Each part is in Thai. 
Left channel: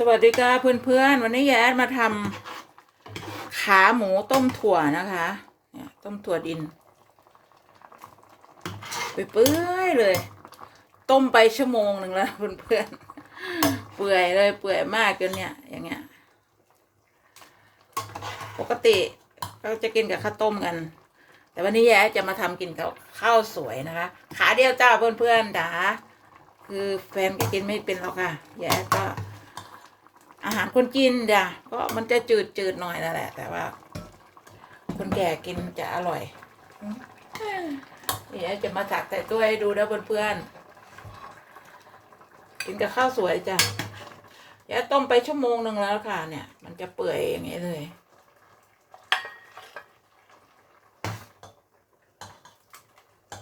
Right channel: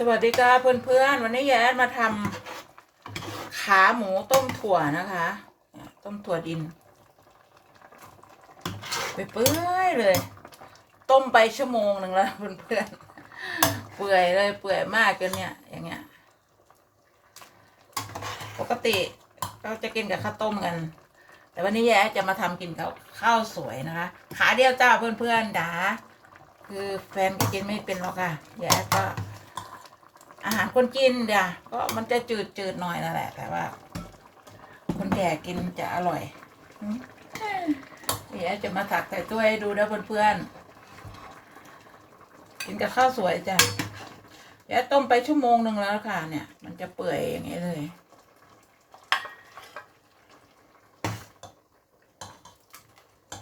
สวัสดีค่ะเพื่อนๆ วันนี้แย้มาทำขาหมูต้มถั่วนะคะต้มถั่วดิน ไปเปื่อยเลย ต้มไปชั่วโมงหนึ่งแล้วเพื่อนๆ เปื่อยเลยเปื่อยมากจนเนี่ย อย่างเงี้ย ปกติเราจะกินกับข้าวต้มกัน แต่วันนี้แย้จะมาทำกินกับข้าวสวยนะคะ ขาเดียวจ้าเพื่อนๆจ๋าคือแฟนก็กินไม่เป็นหรอกค่ะแย้ก็ อาหารคนกินจ้ะก็มันจะจืดจืดๆหน่อยนั่นแหละ แต่ว่า คนแก่กินจะอร่อยเดี๋ยวจะมาตักแต่ตัวให้ดูนะเพื่อนๆกินกับข้าวสวยจ้ะเดี๋ยวต้มไปชั่วโมงหนึ่งแล้วค่ะ เนี่ย มันจะเปื่อยอย่างนี้เลย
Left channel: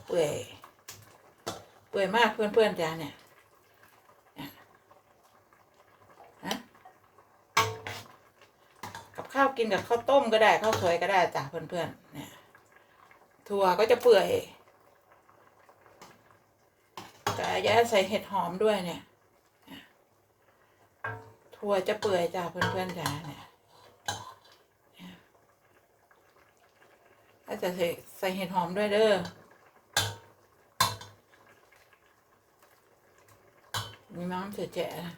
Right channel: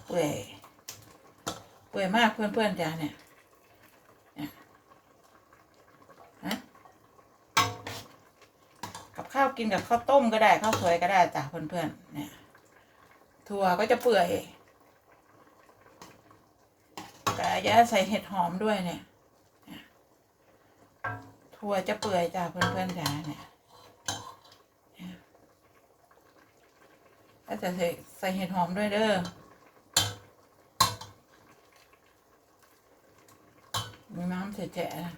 เปื่อยเปื่อยมากเพื่อนๆจ้ะเนี่ย กับ ข้าวกินกับข้าวต้มก็ได้ข้าวสวยก็ได้จ้ะเพื่อนๆเนี่ยถั่วก็จะเปื่อยแต่จะใส่เห็ดหอมด้วยเนี่ยถั่วจะเปื่อยจ้ะเพื่อนๆจ้ะเนี่ยเนี่ยก็จะใส่ใส่เห็ดหอมด้วยเด้อมีน้ำเจ๊ะๆนะ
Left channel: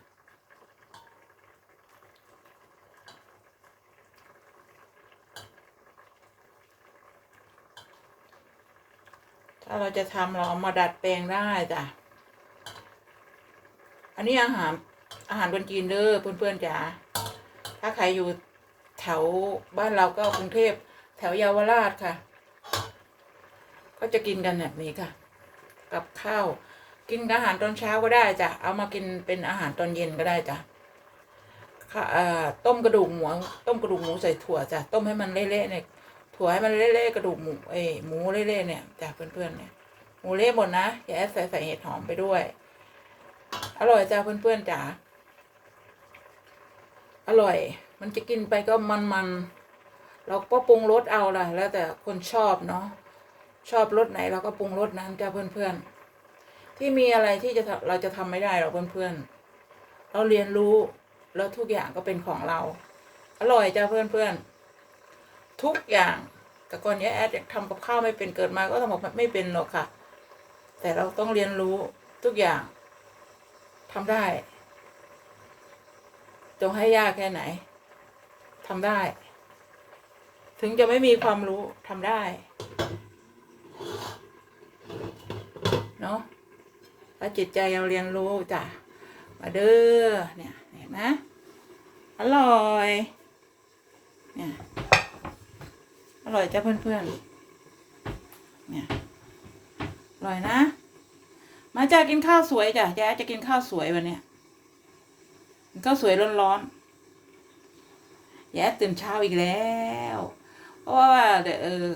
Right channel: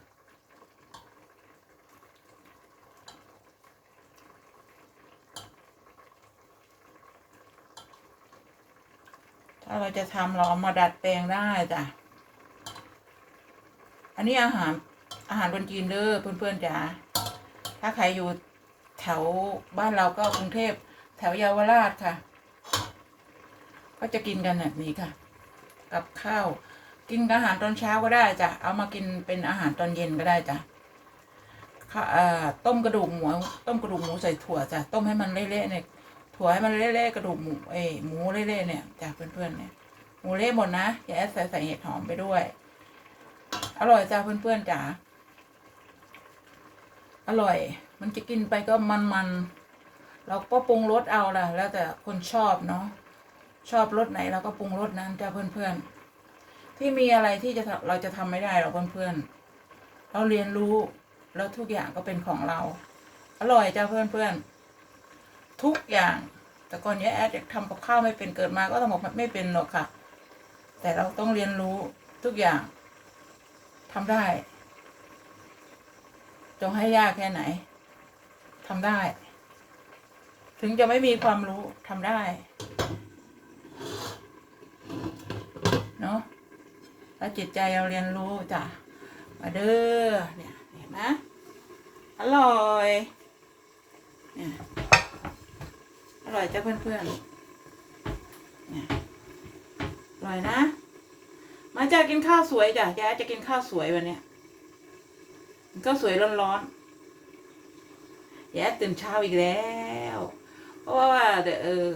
าเราจะทำเราเอามาดัดแปลงได้จ้ะ อันนี้อาหารอาหารคนจีนเด้อเพื่อนๆจ๋า ถ้าใครอยู่แถวบ้านเราก็กรุงเทพแถวเยาวราชค่ะ ก็จะกินกันแบบนี้ค่ะ กับข้าว กินอาหารตอนเช้าก็ได้จ้ะ เอามากินเป็นอาหารตอนเย็นก็ได้จ้ะต้มกระดูกหมูต้มกระดูกหมูใส่ถั่วจ้ะ ต้มให้มันเละๆเนี่ย ถั่วให้มันเละๆกระดูกหมูเอ้ยหมูเละๆเนี่ยจากเพื่อนๆเนี่ยหมูเละหมดนะอย่าแอดใส่ใส่เห็ดหอมไปด้วย อร่อยจ้าเพื่อนๆจ๋าอร่อย มันจะกินไปก็มันๆเราก็ปรุงรสเอาล่ะ แล้วแต่คนชอบเนาะชอบรสไหนเราก็ปรุงรสนั้นจ้าเพื่อนๆที่มีอะไรที่จะเราจะทำไม่ได้หรอกเพื่อนๆเราเรียนรู้แล้วทุกอย่างก็เป็นของเรา อร่อยจ้าเพื่อนๆ ทุกอย่าง แต่ก่อนเนี้ยแอดทำกับข้าวไม่เป็นเกิดมาก็ทำกับไม่เป็นหรอกค่ะ แต่เราต้องเรียนรู้ทุกอย่างทำได้ จงให้ยากแค่ไหนทำได้ ถึงจะไม่มีความรู้ทำได้เนาะแล้วจิตใจเราเรียนรู้จ้ะมาเด้อเนี่ยเห็นไหมอร่อยเนี่ย อร่อยจ้ะเพื่อนๆเนี่ยอร่อยนะ มาจ้ากินข้าวสวยจ้ะแกจะกินข้าวสวยวันเนี้ยข้าวสวยร้อนๆแย่ตื่นเช้าอีกแล้ว เพราะว่าเดี๋ยวเออ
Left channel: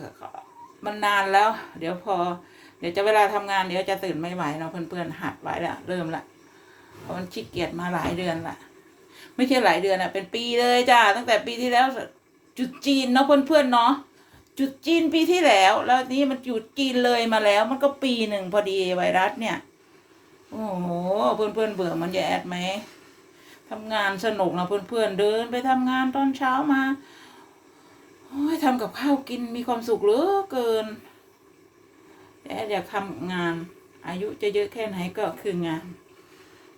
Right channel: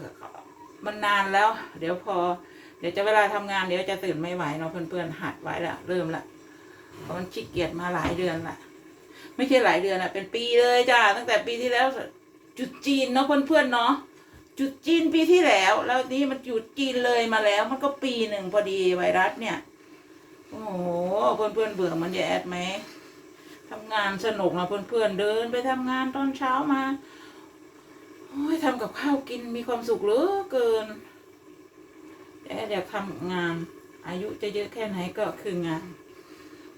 มันนานแล้ว เดี๋ยวพอ เดี๋ยวจะเวลาทำงานเดี๋ยวจะตื่นไม่ไหวเนาะเพื่อนๆหัดไว้ละเริ่มละเพราะมันขี้เกียจมาหลายเดือนละไม่ใช่หลายเดือนอะเป็นปีเลยจ้าตั้งแต่ปีที่แล้วจุดจีนเนาะเพื่อนๆเนาะ จุดจีนปีที่แล้ว แล้วนี่มันจุดจีนเลยมาแล้ว มันก็ปีหนึ่งพอดีไวรัสเนี่ย โอ้โหเพื่อนๆเบื่อมันจะแอดไหมทำงานสนุกนะเพื่อนๆเดินไปทำงานตอนเช้ามาโอ้ยทำกับข้าวกินมีความสุขเหลือเกินแอดอยากทำงาน อายุจะเยอะแค่ไหนก็คืองาน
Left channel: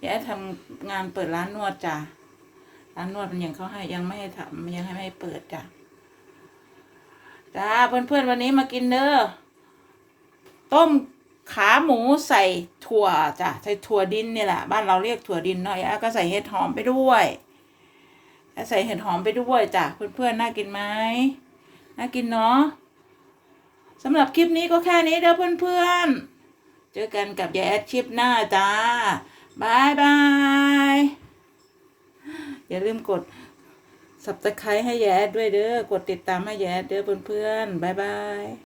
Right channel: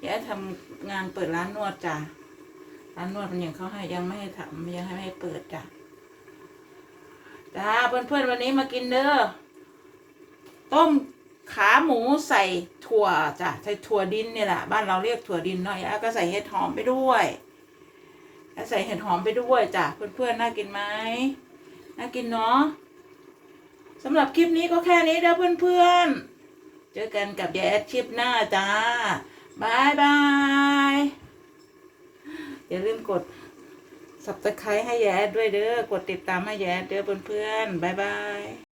แอดทำงานเปิดร้านนวดจ้ะร้านนวดมันยังเขาให้ยังไม่ให้ทำยังให้ไม่เปิดจ้ะ จ้าเพื่อนๆวันนี้มากินเด้อต้มขาหมูใส่ถั่วจ้ะใส่ถั่วดินเนี่ยแหละบ้านเราเรียกถั่วดินเนาะแล้วก็ใส่เห็ดหอมไปด้วยแล้วใส่เห็ดหอมไปด้วยจ้ะเพื่อนๆน่ากินไหมน่ากินเนาะสำหรับคลิปนี้ก็แค่นี้เด้อเพื่อนๆ เจอกันกับยายแอดคลิปหน้าจ้าบายบายอย่าลืมกด สับตะไคร้ให้แย้ด้วยเด้อกดติดตามให้แย้เด้อเพื่อนๆบ๊ายบาย